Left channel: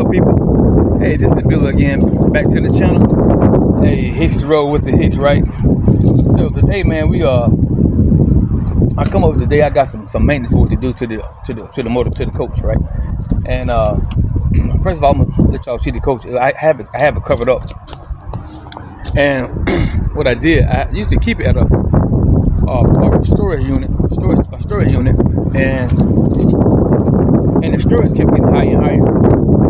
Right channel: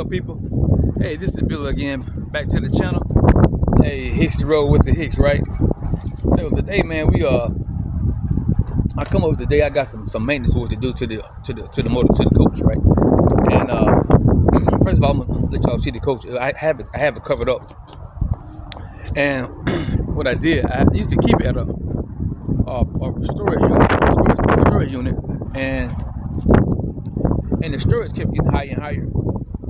up, people? Hey, this is Bill again, back to the channel. Hey, Hicks roll with the Hicks, right? So today, man, I come over today. I got some maintenance work to do to the motor, to the coach, right? And first of all, I'm gonna let y'all see the coach. I have it covered up. And what I did, I used to keep it at a storage unit, and the storage kept getting higher and higher.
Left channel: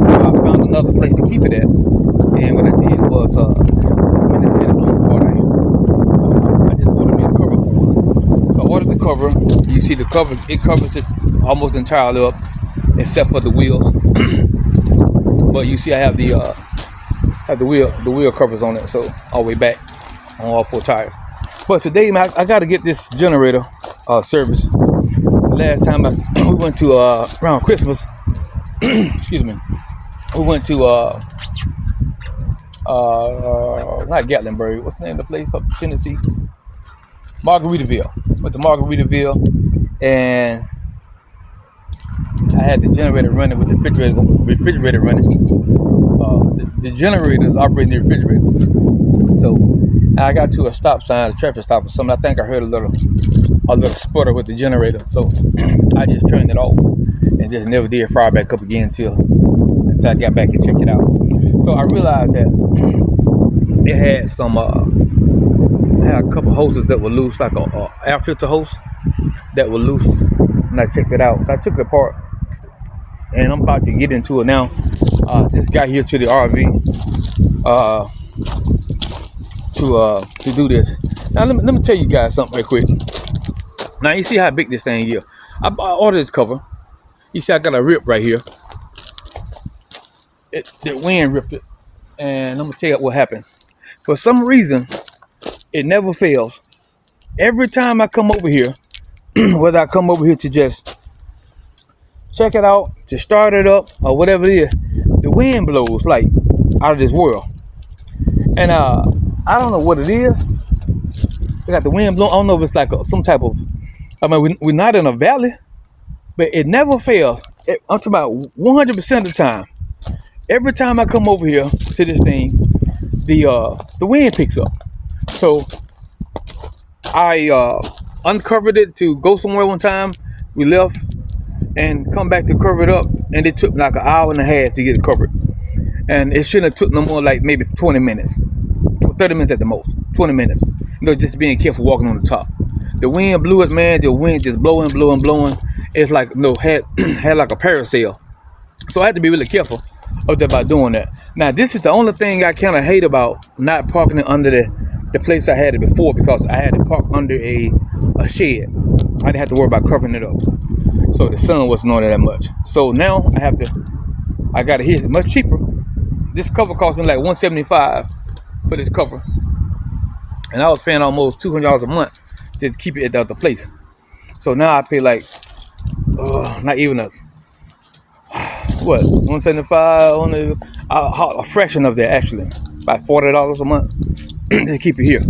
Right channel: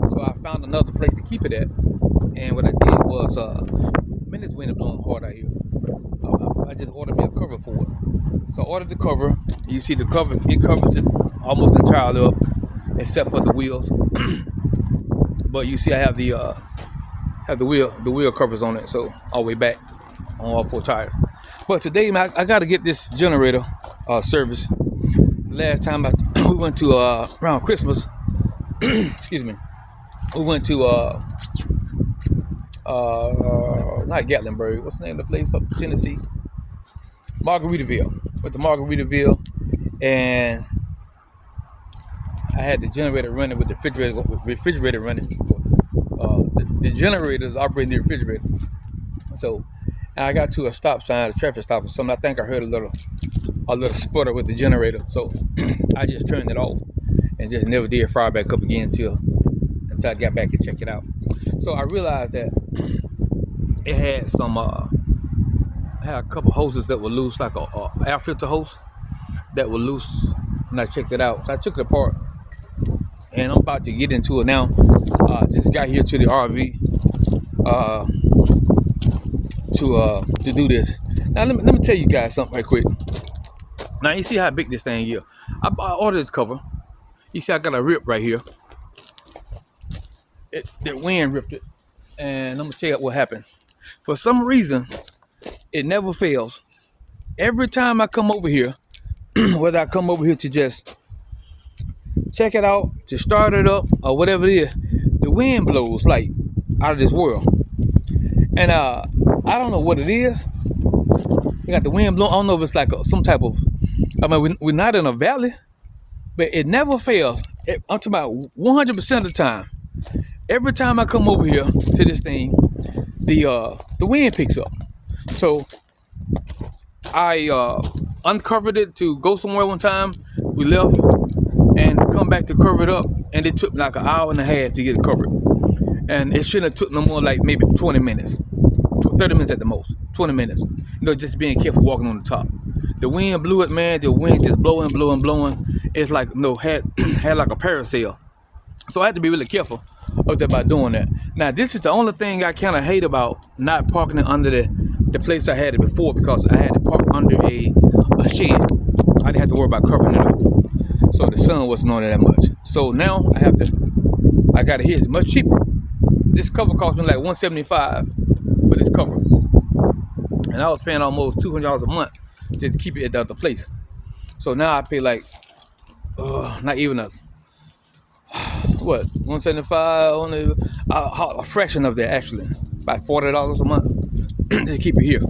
So I found another place to keep it at. And what I did was, man, it's been blowing hard out here. I just ordered me a cover for it. So I ordered the cover. You see the cover, it covers it almost entirely up, except for the wheels. But you see I have the wheel covers on it, so all the way back on all four tires. But today, man, I got to get this generator service. Last time we went to around Christmas, excuse me, we went to not Gatlinburg. What's the name of the place up in Tennessee? Margaritaville. Went to Margaritaville, and I had the generator running with the refrigerator running. The generator is operating the refrigerator. So I got to a stop sign, a traffic stop or something. I think I heard a little sputter with the generator. So I just turned it off and just never did fire back up again until I got back and checked it out. So I realized that it had some had a couple hoses that were loose, like a air filter hose that were loose, and I checked it out. So I took it apart, and I'm about to get into it now. Just got here to the RV to do this. Now let me tell you guys something real quick. Now you see how big this thing is. I ordered this cover. You see I got a rip right here. The wind ripped it, and I'm gonna tell you what happened. For some reason, it never fails. Every time I come over here, whether I come over here to just check it out, to start it up, or whatever it is, the wind blows like out of this world. And I don't know what it is. We got the wind blowing. I don't know if it's like some type of, I mean, we're not in a valley, but it never fails. I'm talking about 100% of the time. Every time I come over here to this thing, the wind picks up. So I uncovered it to go somewhere one time. We left and come back to cover it up, and it took like an hour and a half to get it covered. And it shouldn't have took no more, like maybe 20 minutes, 30 minutes at the most, 20 minutes. You know, just being careful walking on the top. The wind blew it, man. The wind just blowing. It's like had like a parasail. So I had to be really careful about doing that. Now this is the only thing I kind of hate about not parking it under the place I had it before, because I had to park under a shed. I didn't have to worry about covering it up, so the sun wasn't on it that much. So now I got it here. It's much cheaper. This cover cost me like $175 for this cover, and I was paying almost $200 a month just to keep it at the other place. So now I pay like not even a $175, a fraction of that, actually, about $40 a month to keep it here.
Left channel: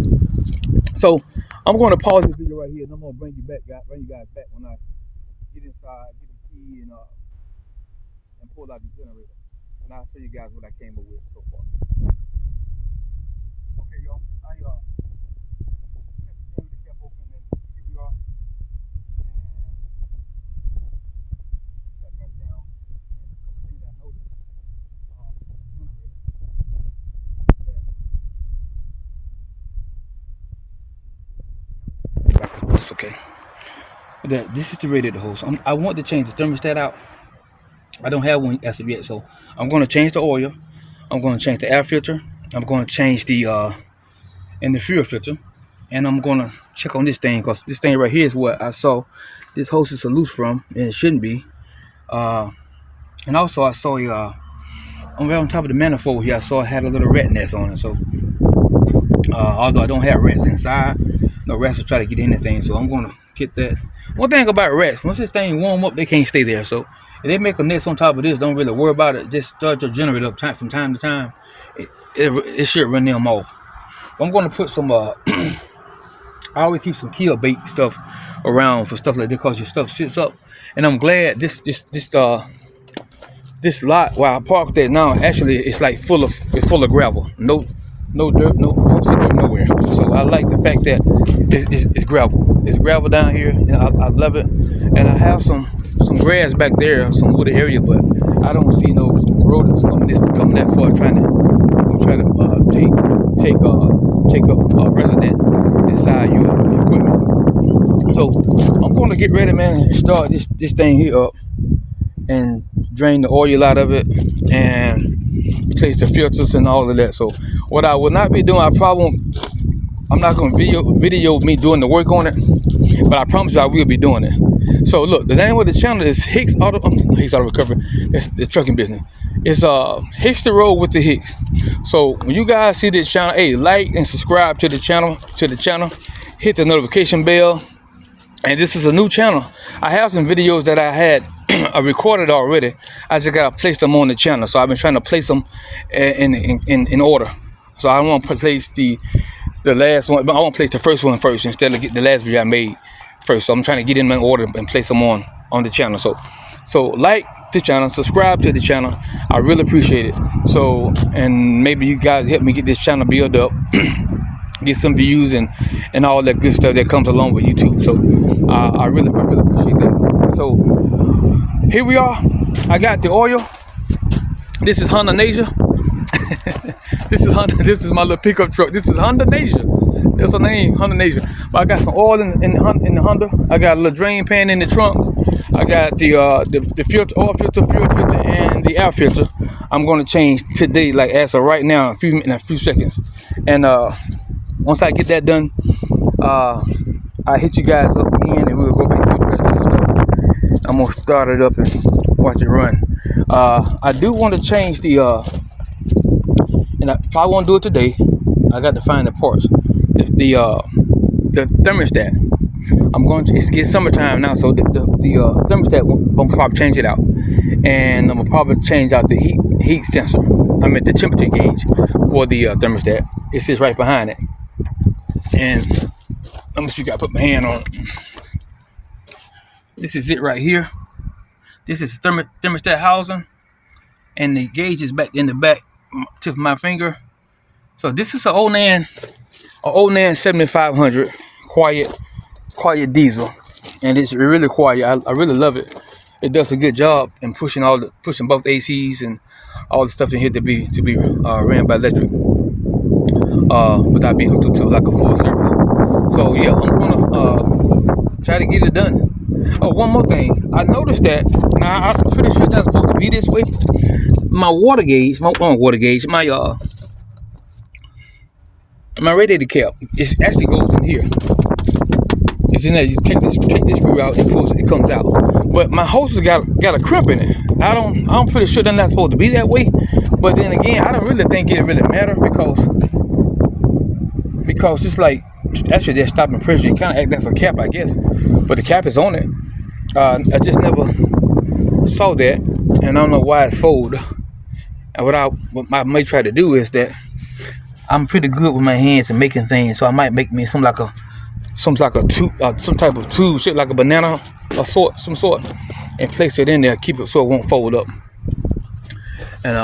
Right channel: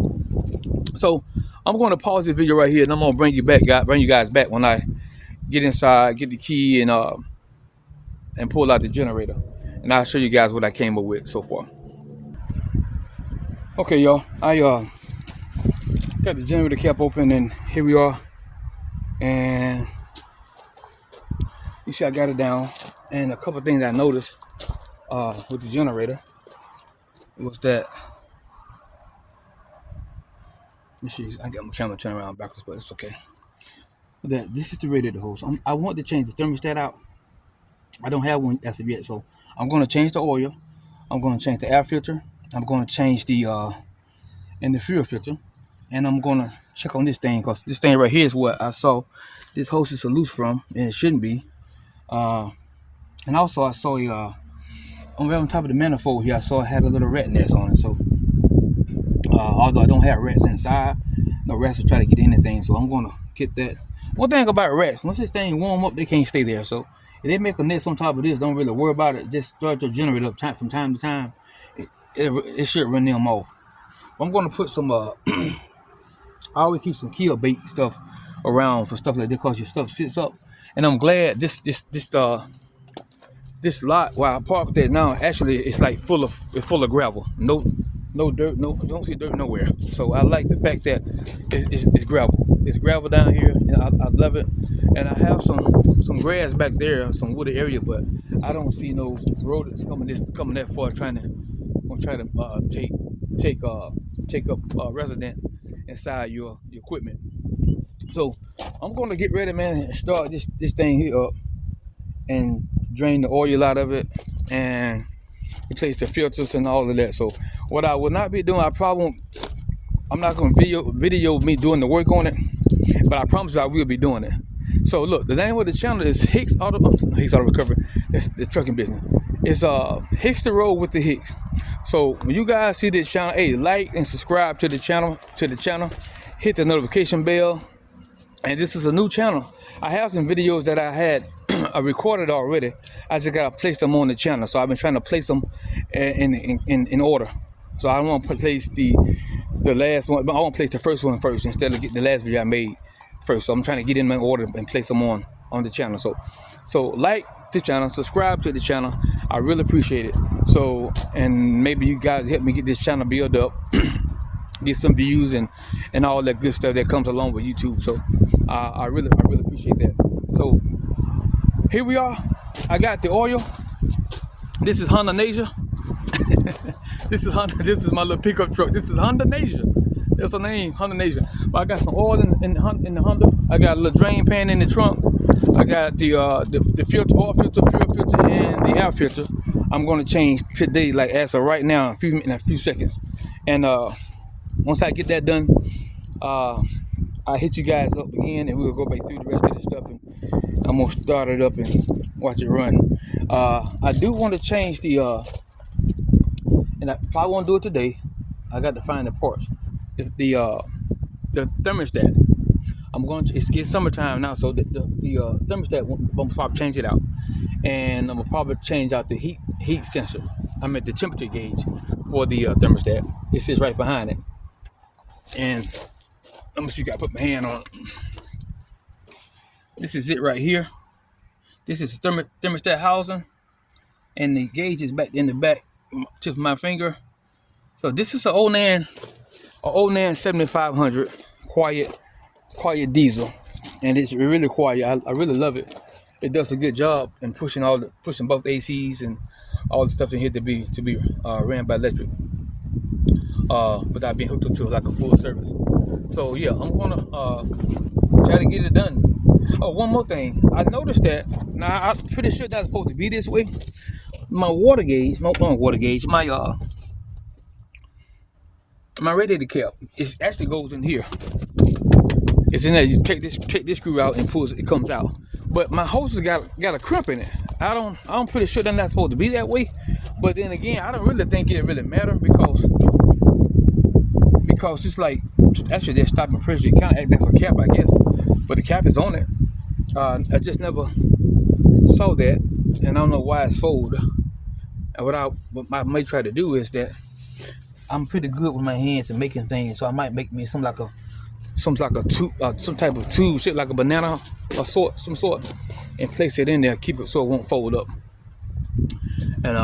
So I'm going to pause this video right here, and I'm going to bring you guys back when I get inside, get the key, and pull out the generator, and I'll show you guys what I came up with so far. Okay, y'all, I got the generator cap open, and here we are, and you see I got it down. And a couple of things I noticed with the generator was that, let me see, I got my camera turned around backwards, but it's okay. That this is the radiator hose. I want to change the thermostat out. I don't have one as of yet, so I'm going to change the oil. I'm going to change the air filter. I'm going to change the fuel filter, and I'm going to check on this thing, because this thing right here is what I saw this hose is loose from, and it shouldn't be. And also I saw on top of the manifold here, I saw it had a little rat nest on it. So although I don't have rats inside, no rats will try to get anything. So I'm gonna get that. One thing about rats, once this thing warm up, they can't stay there. So if they make a nest on top of this, don't really worry about it. Just start your generator up from time to time. It should run them off. I'm gonna put some I always keep some kill bait stuff around for stuff like that, because your stuff sits up. And I'm glad this this lot where I parked there now, actually it's like full of gravel. No dirt, no dirt nowhere. So I like the fact that it's gravel. It's gravel down here, and I love it. And I have some grass back there, some wooded area, but I don't see no rodents coming that far trying to take up a resident inside your equipment. So I'm going to get ready, man, and start this thing here up and drain the oil out of it and replace the filters and all of that. So what I will not be doing, I'm not going to video me doing the work on it, but I promise you I will be doing it. So look, the name of the channel is Hicks Auto Recovery. That's the trucking business. It's Hicks the Road with the Hicks. So when you guys see this channel, hey, like and subscribe to the channel. Hit the notification bell. And this is a new channel. I have some videos that I had I recorded already. I just gotta place them on the channel. So I've been trying to place them in order. So I want to place the last one, but I want to place the first one first instead of get the last video I made first. So I'm trying to get in order and place them on the channel. So like the channel, subscribe to the channel. I really appreciate it. So, and maybe you guys help me get this channel built up. Get some views and all that good stuff that comes along with YouTube. So I really appreciate that. So here we are. I got the oil. This is Honda Nasia. This is my little pickup truck. This is Honda Nasia. That's her name, Honda Nasia. But I got some oil in the Honda. I got a little drain pan in the trunk. I got the filter, oil filter, fuel filter, and the air filter. I'm gonna change today, like as of right now, in a few seconds. And once I get that done, I hit you guys up again, and we'll go back through the rest of the stuff. I'm gonna start it up and watch it run. I do want to change the, and I probably won't do it today. I got to find the parts. The thermostat. I'm going to. It's summertime now, so the thermostat. I'm gonna probably change it out, and I'm gonna probably change out the heat sensor. I mean the temperature gauge for the thermostat. It sits right behind it. And let me see if I put my hand on it. This is it right here. This is thermostat housing, and the gauge is back in the back tip of my finger. So this is an ONAN 7500 quiet diesel, and it's really quiet. I really love it. It does a good job in pushing both ACs and all the stuff in here to be ran by electric, without being hooked up to like a full service. So yeah, I'm gonna try to get it done. Oh, one more thing. I noticed that now I'm pretty sure that's supposed to be this way. My radiator cap, it actually goes in here. It's in there. You take this screw out, it comes out. But my hose has got a crimp in it. I'm pretty sure they're not supposed to be that way. But then again, I don't really think it really matter because it's like actually they're stopping pressure. You kind of act as a cap, I guess. But the cap is on it. I just never saw that, and I don't know why it's folded. And what I may try to do is that I'm pretty good with my hands and making things, so I might make me some type of tube shaped like a banana or some sort, and place it in there, keep it so it won't fold up. And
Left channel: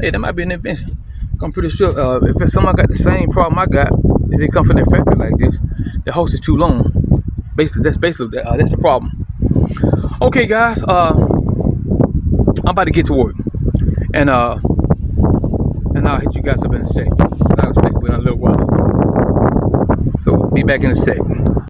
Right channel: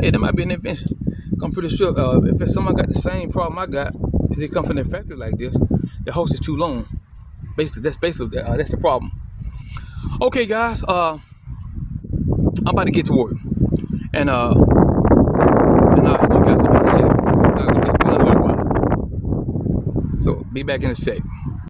hey, that might be an invention. I'm pretty sure if someone got the same problem I got, if they come from their factory like this, the hose is too long. Basically, that's the problem. Okay, guys, I'm about to get to work, and I'll hit you guys up in a sec. Not a sec, but a little while. So be back in a sec.